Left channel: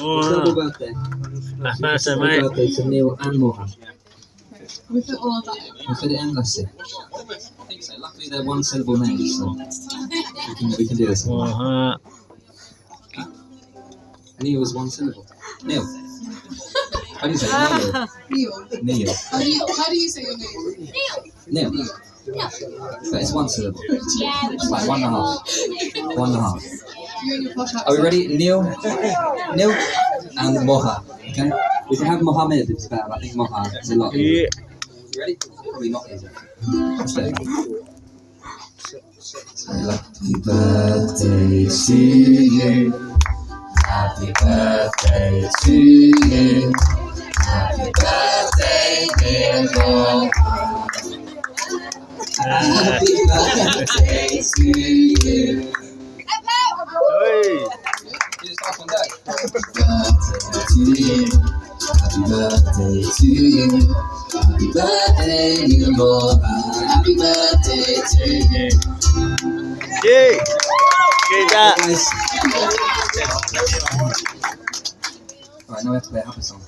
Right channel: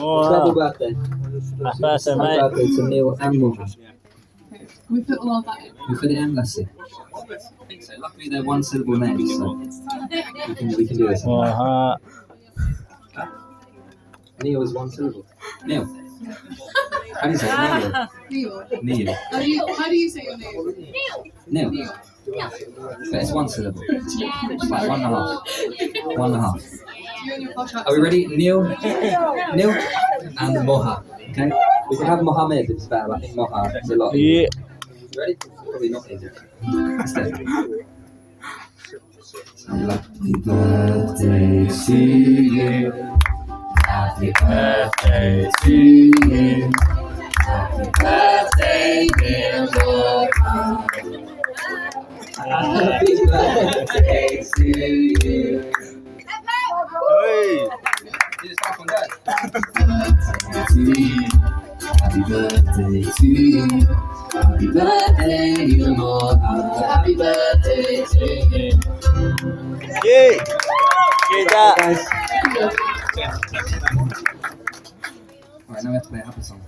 Happy birthday. Happy birthday to Neil and Moha. We put all that in. We put it in, let's see. So luckily they're one syllable names, so we can do this. Neil is one syllable. Neil. How do you say it? Neil. How do you say your name? Neil. But it's one syllable. It's like 1.5. 1.5. You and your posh Are we ready? Neil, and Moha. Okay? We can have Mohammed if it's better, but I think Moha is a lot easier. You ready? Probably not easier. Let's do it. Happy birthday to you. Happy birthday to you. Happy birthday, dear Moha. Happy birthday to you. Happy birthday to you. Happy birthday, dear Moha. Happy birthday to you. Okay. Okay, Kak. Guys. Alright, now we have to play a happy song.